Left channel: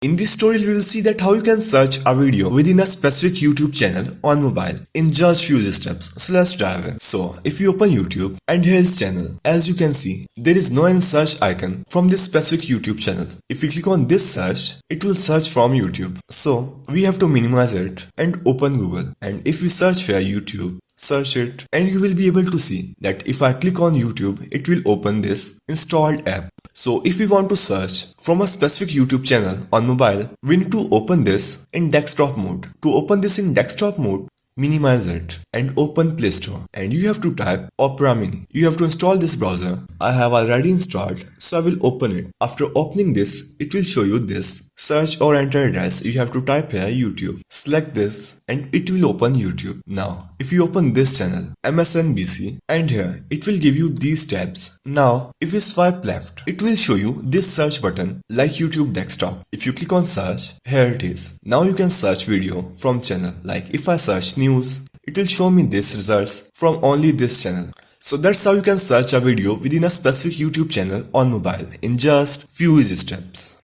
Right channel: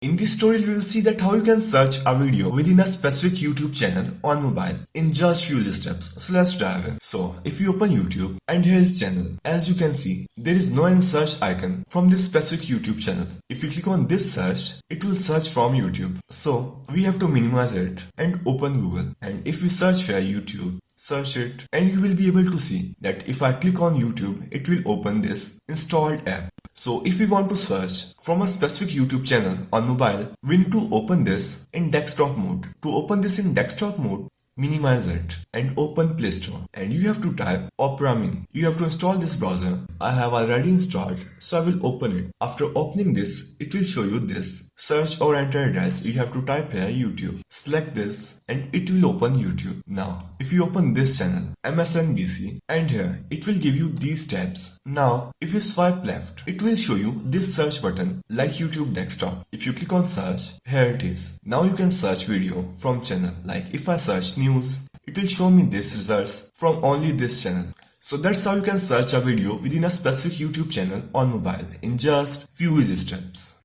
In this tutorial, we will see that how you can search a video within a specific YouTube channel on mobile in just few steps. So let's dive in. So if you open YouTube and here is channel, as you can see, there is no any search icon from this specific YouTube channel. If you click on this search, it will search from YouTube. So we have to minimize it and open Google. And if we search for YouTube, search it, and you will be able to see that if I click on YouTube, it will open this installed app. So if we want to search from a specific YouTube channel on mobile, we need to open this in desktop mode. To open this in desktop mode, minimize it and open Play Store, and you have to type Opera Mini. You have to install this browser. I have already installed, so I will open it. After opening this, it will show you this search or enter address. You have to type here YouTube. Select this and it will open YouTube. Now if you open this channel MSNBC, and here it will give you these tabs. Now if you swipe left, it will show you this search button like YouTube desktop. If you click on search, here it is. Now you can search video from channel. Like if I search news, it will show me this results from only this channel. So that's how you can search a video within a specific YouTube channel on mobile in just few easy steps.